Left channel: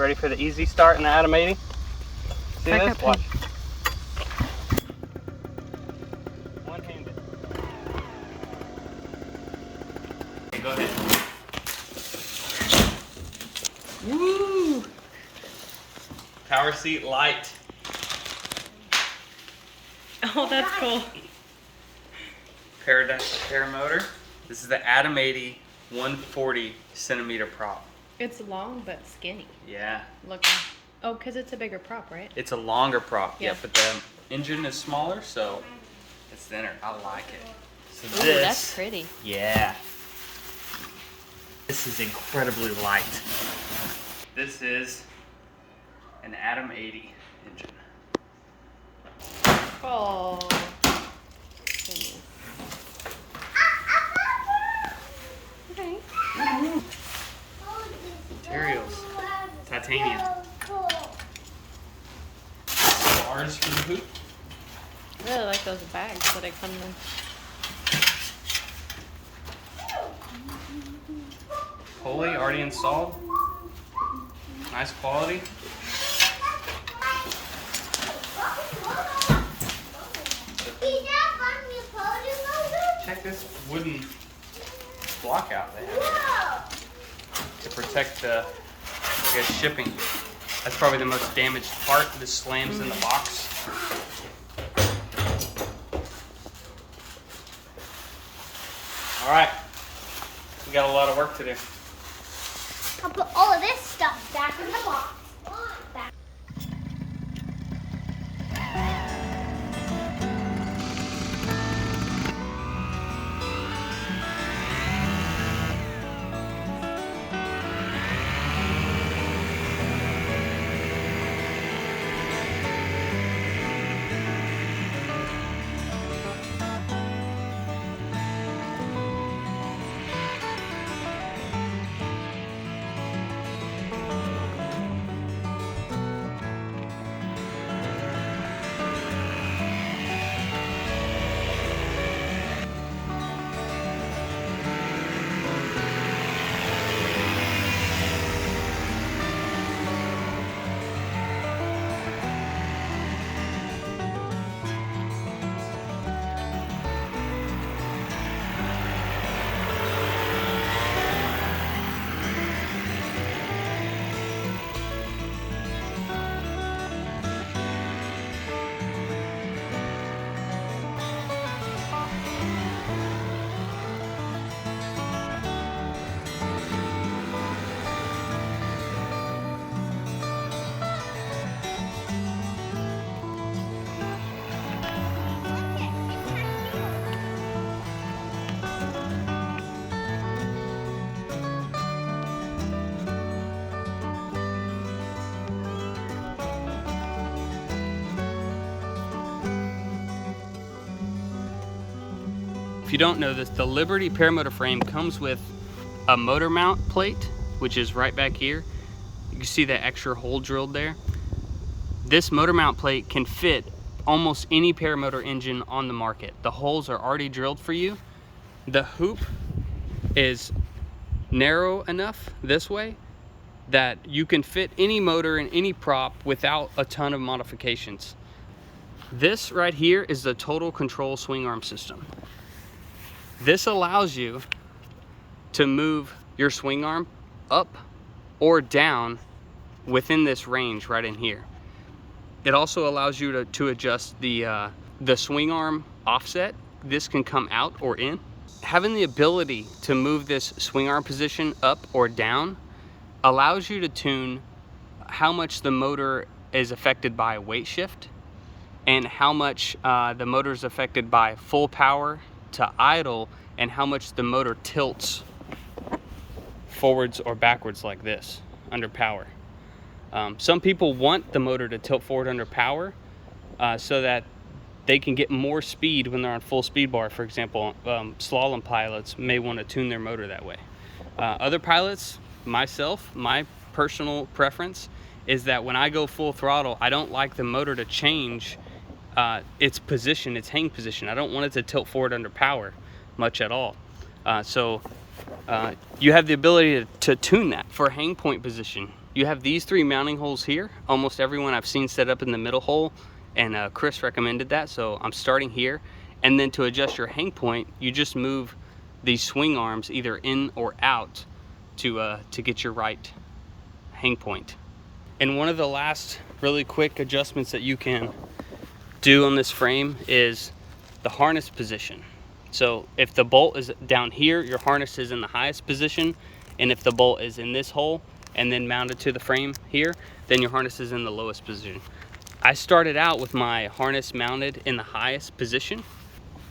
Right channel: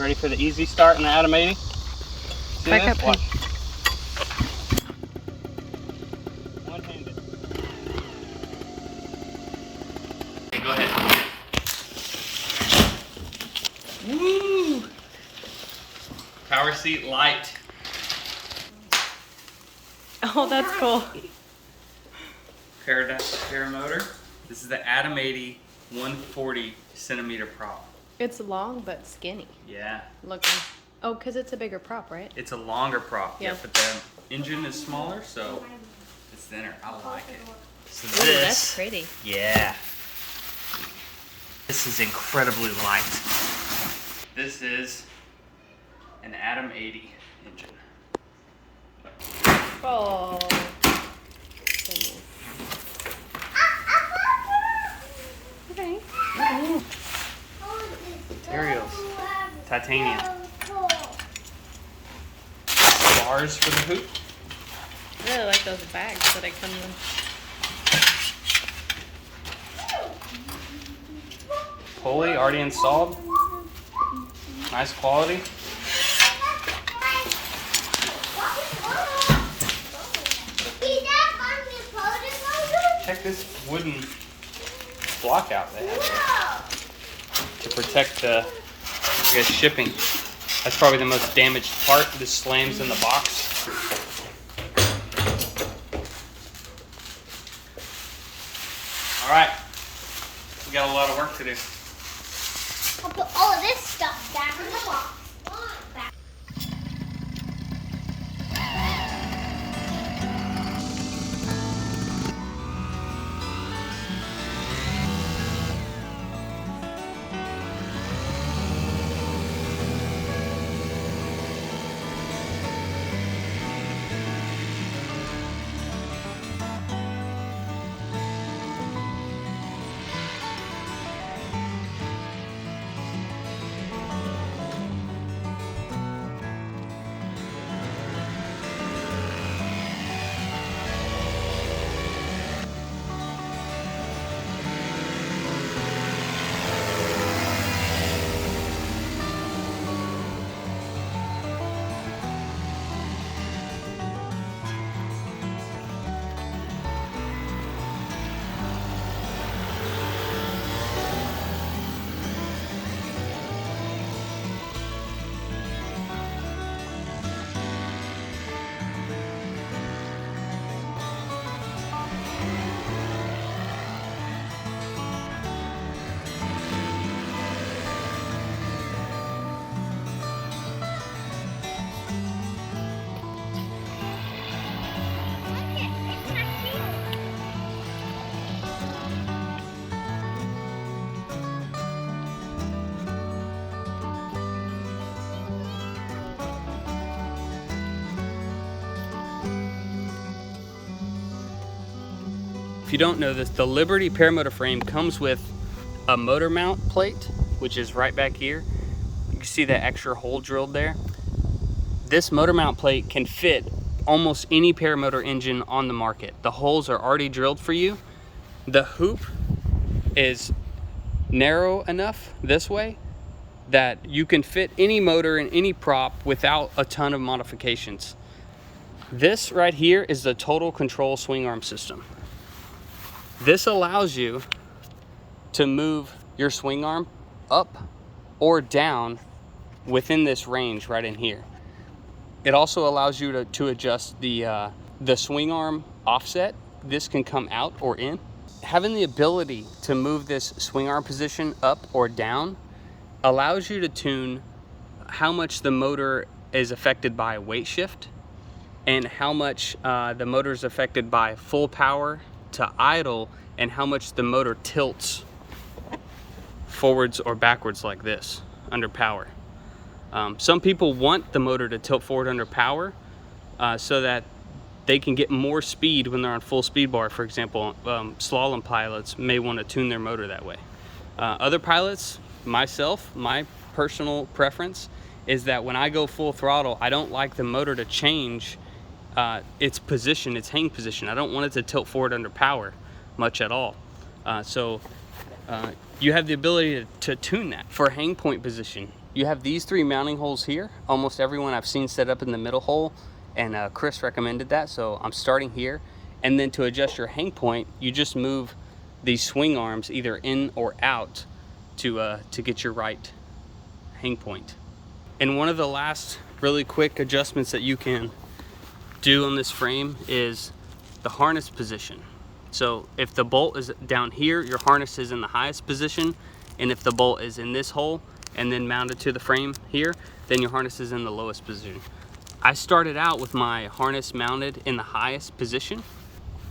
Ready for the easy start in the Atom 80? See Back this? up, Watch. One-handed. Go ahead. Woo! Powerseat light. Oh, that's cool. Paramotor. This is the Atom 80 140 centimeter prop. It's long but skinny Yeah. looking. Oh, because it's a bigger prop, right? It's a longer prop. Yeah. But the engine is smaller, so it's thinner. I like it. So Ooh, this, that's pretty. yeah. This is incredibly light. This is an Atom 80 engine. Oh, goodness. Okay. Materials. Titanium. Bars for the hoop. I really like those bags that I come in. Pulley already installed. Nice quality. Check this wooden block out they have to protect the, I guess, shipping. That's probably the most damaged part. This slams in the box. All right, we got a lot of work to do. I'll put all of this stuff back in the box. Back. If you don't know this, the Liberty Paramotor frame comes with a motor mount plate, which is right back here. You can see that extra hole drilled there. This motor mount plate can fit almost any paramotor engine on the market. The holes are already drilled for you. The hoop is narrow enough this way that you can fit any motor in any prop without a ton of modifications. This right here is the total control swing arm system. This allows you to move your swing arm up or down within this range right in here. It also allows you to adjust the swing arm offset. This can come out or in. Having the ability to move this swing arm position up or down allows you to tune how much the motor is affected by weight shift and how much the motor is affected by full power to idle, and how much the motor tilts forwards or backwards like this under power. Some people want the motor to tilt forward under power so that they can get more speed when they're on full speed bar. For example, slalom pilots may want to tune their motor that way. Other pilots, myself, my personal preference is that when I go full throttle, I don't like the motor to change its position, its hang position. I don't want it to tilt forward under power much at all. So you have the ability to tune that. For hang point position, you have these 3 mounting holes here. Almost everyone I've seen set up in the middle hole, and Chris recommended that, so I'm starting here. And then to adjust your hang point, you just move these swing arms either in or out to get your right hang point. And one of the last really quick adjustments that you can do on this frame is the harness position. So if the bolt is down here, your harness is in the highest position, and if the bolt is in this hole and then mounted to the frame here, then your harness is in the lowest position. I started out with my harness mounted in the highest position,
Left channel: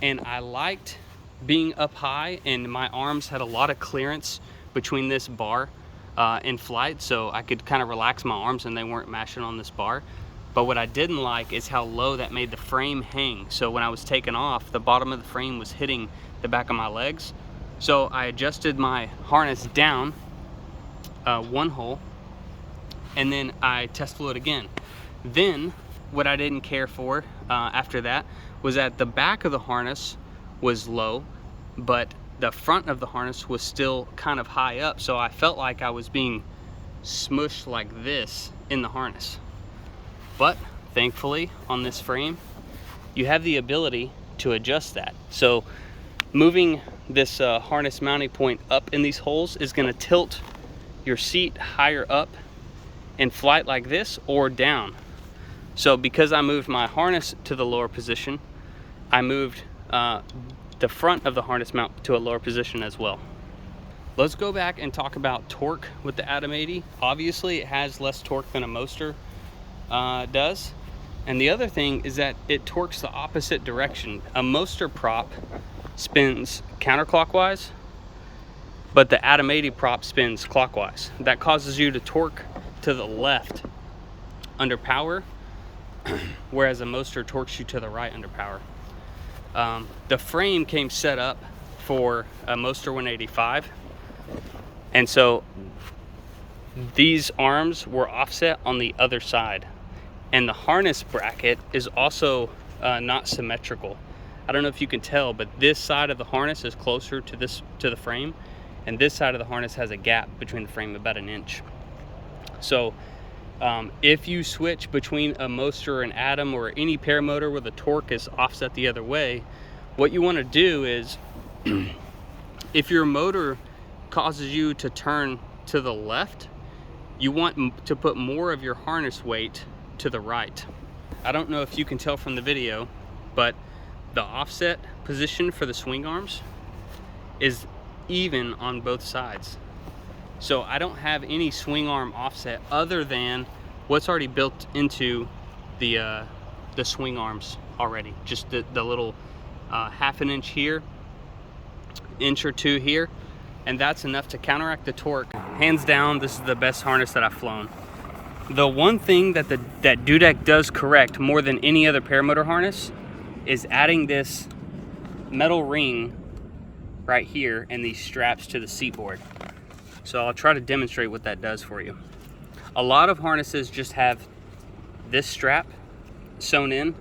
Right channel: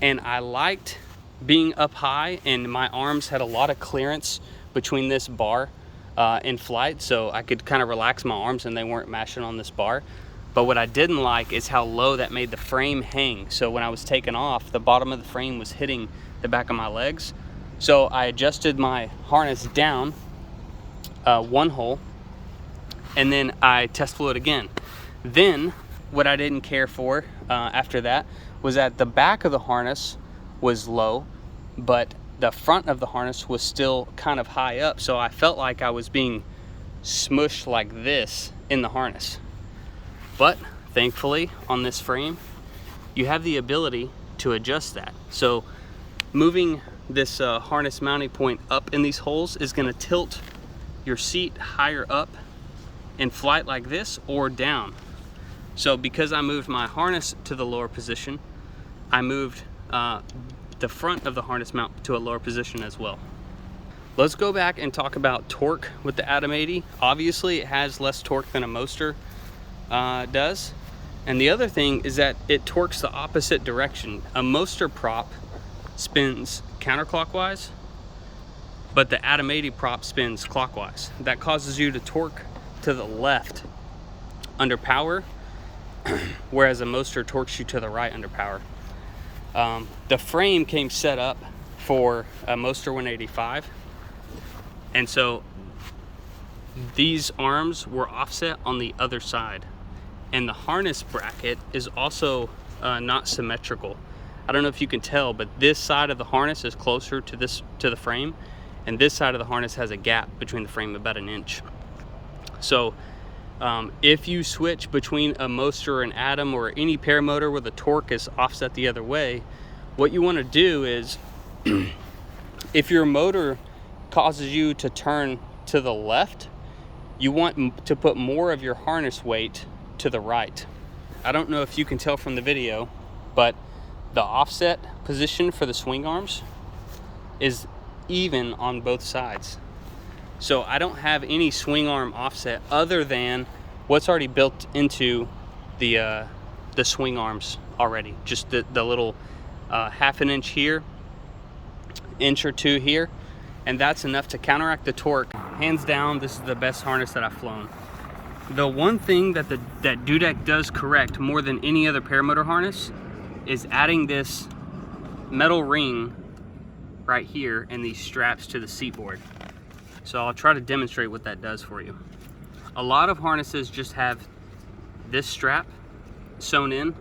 and I liked being up high, and my arms had a lot of clearance between this bar in flight, so I could kind of relax my arms and they weren't mashing on this bar. But what I didn't like is how low that made the frame hang. So when I was taking off, the bottom of the frame was hitting the back of my legs. So I adjusted my harness down 1 hole, and then I test flew it again. Then what I didn't care for after that was that the back of the harness was low, but the front of the harness was still kind of high up. So I felt like I was being smushed like this in the harness. But thankfully on this frame, you have the ability to adjust that. So moving this harness mounting point up in these holes is gonna tilt your seat higher up in flight like this or down. So because I moved my harness to the lower position, I moved the front of the harness mount to a lower position as well. Let's go back and talk about torque with the Atom 80. Obviously it has less torque than a Moster does. And the other thing is that it torques the opposite direction. A Moster prop spins counterclockwise, but the Atom 80 prop spins clockwise. That causes you to torque to the left under power, whereas a Moster torques you to the right under power. The frame came set up for a Moster 185, and so these arms were offset on the other side, and the harness bracket is also not symmetrical. I don't know if you can tell, but this side of the harness is closer to the frame, and this side of the harness has a gap between the frame about 1 inch. So if you switch between a Moster and Atom or any paramotor where the torque is offset the other way, what you want to do is if your motor causes you to turn to the left, you want to put more of your harness weight to the right. I don't know if you can tell from the video, but the offset position for the swing arms is even on both sides. So I don't have any swing arm offset other than what's already built into the swing arms already. Just the little 1/2 inch here, 1 inch or 2 here, and that's enough to counteract the torque. Hands down, this is the best harness that I've flown. The one thing that that Dudek does correct more than any other paramotor harness is adding this metal ring right here and these straps to the seat board. So I'll try to demonstrate what that does for you. A lot of harnesses just have this strap sewn in.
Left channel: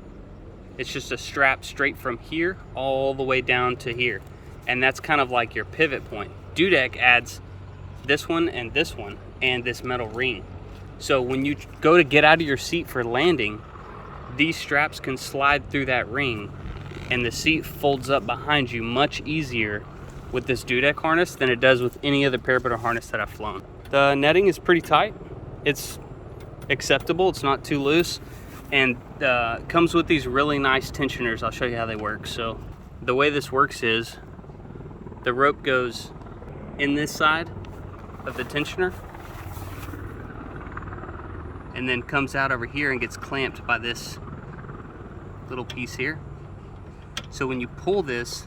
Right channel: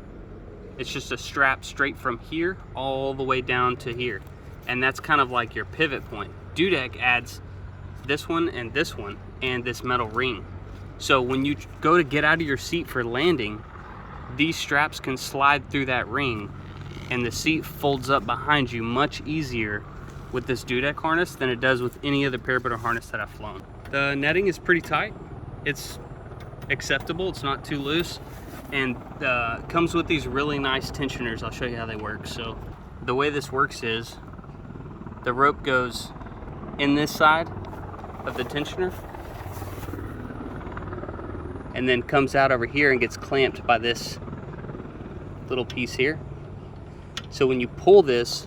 It's just a strap straight from here all the way down to here. And that's kind of like your pivot point. Dudek adds this one and this metal ring. So when you go to get out of your seat for landing, these straps can slide through that ring and the seat folds up behind you much easier with this Dudek harness than it does with any other paramotor harness that I've flown. The netting is pretty tight. It's acceptable, it's not too loose, and comes with these really nice tensioners. I'll show you how they work. So the way this works is the rope goes in this side of the tensioner and then comes out over here and gets clamped by this little piece here. So when you pull this,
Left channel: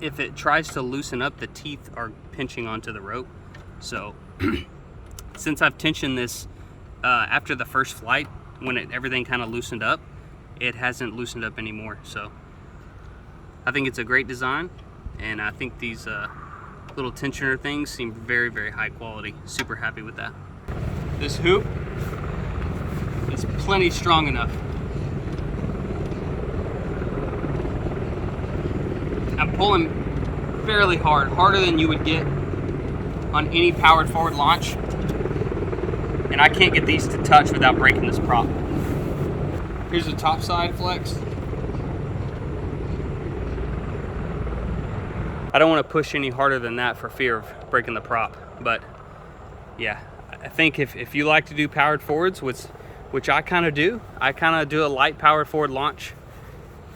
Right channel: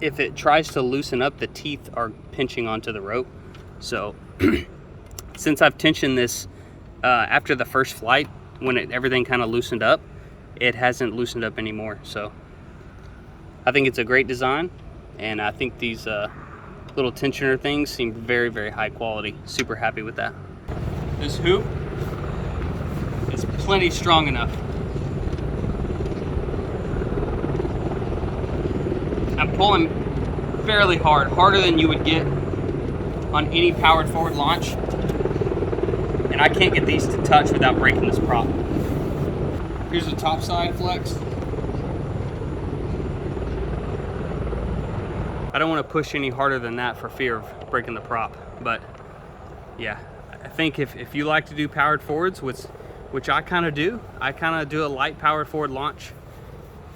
if it tries to loosen up, the teeth are pinching onto the rope. So since I've tensioned this after the first flight, when everything kind of loosened up, it hasn't loosened up anymore. So I think it's a great design, and I think these little tensioner things seem very, very high quality. Super happy with that. This hoop is plenty strong enough. I'm pulling fairly hard, harder than you would get on any powered forward launch. and I can't get these to touch without breaking this prop. Here's the top side flex. I don't want to push any harder than that for fear of breaking the prop, but yeah, I think if you like to do powered forwards, which I kind of do a light powered forward launch,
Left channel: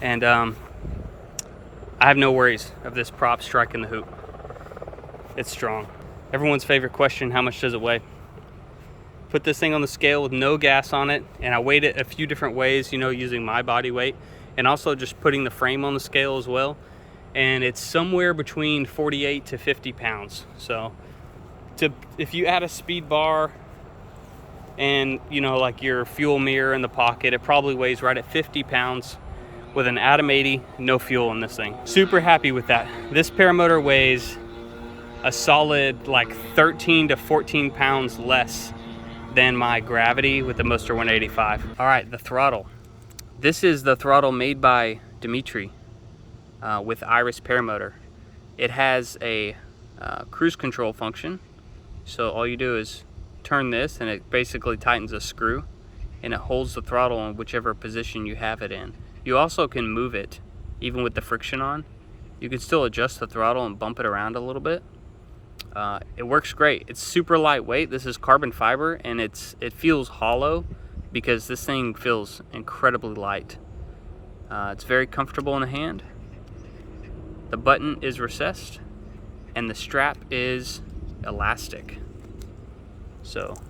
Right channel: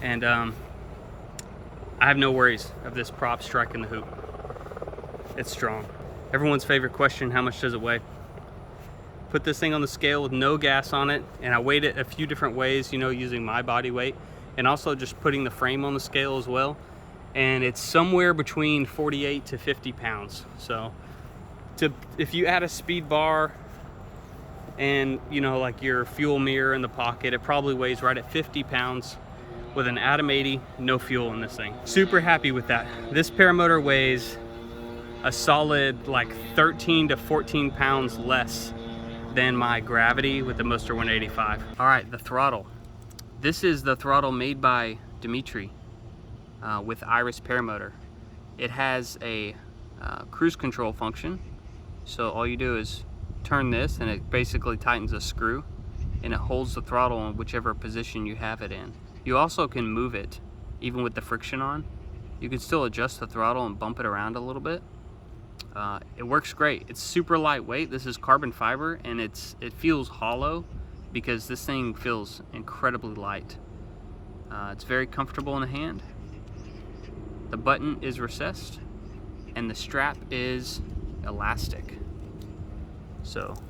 and I have no worries of this prop striking the hoop. It's strong. Everyone's favorite question, how much does it weigh? Put this thing on the scale with no gas on it, and I weighed it a few different ways, you know, using my body weight, and also just putting the frame on the scale as well. And it's somewhere between 48 to 50 pounds. So if you add a speed bar and, you know, like your fuel mirror in the pocket, it probably weighs right at 50 pounds with an Atom 80, no fuel in this thing. Super happy with that. This Paramotor weighs a solid like 13 to 14 pounds less than my Gravity with the Moster 185. All right, the throttle. This is the throttle made by Dimitri with Iris Paramotor. It has a cruise control function. So all you do is turn this and it basically tightens a screw and it holds the throttle in whichever position you have it in. You also can move it even with the friction on. You can still adjust the throttle and bump it around a little bit. It works great. It's super lightweight. This is carbon fiber, and it feels hollow because this thing feels incredibly light. It's very comfortable in the hand. The button is recessed and the strap is elastic. So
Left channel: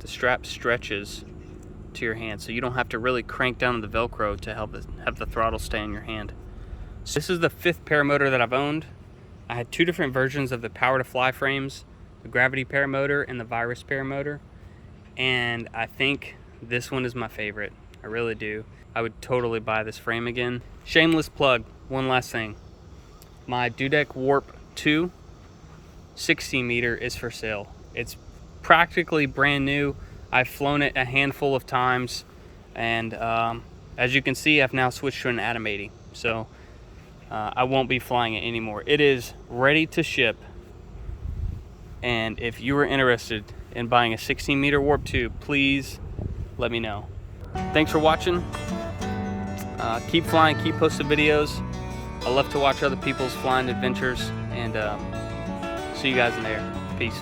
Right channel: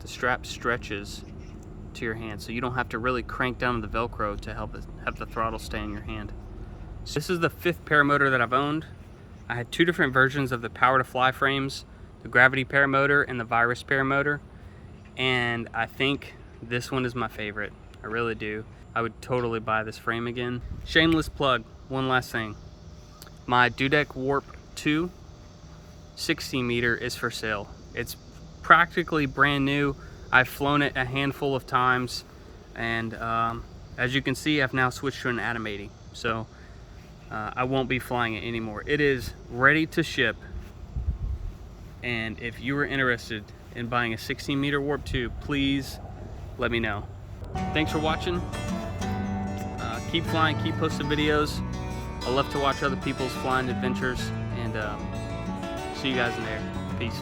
the strap stretches to your hand, so you don't have to really crank down the Velcro to have the throttle stay in your hand. So this is the 5th Paramotor that I've owned. I had 2 different versions of the Power to Fly frames, the Gravity Paramotor and the Virus Paramotor, and I think this one is my favorite. I really do. I would totally buy this frame again. Shameless plug, one last thing. My Dudek Warp 2 60 meter is for sale. It's practically brand new. I've flown it a handful of times, and as you can see, I've now switched to an Atom 80. So I won't be flying it anymore. It is ready to ship, and if you are interested in buying a 16 meter Warp 2, please let me know. Thanks for watching. Keep flying, keep posting videos. I love to watch other people's flying adventures, and see you guys in there. Peace.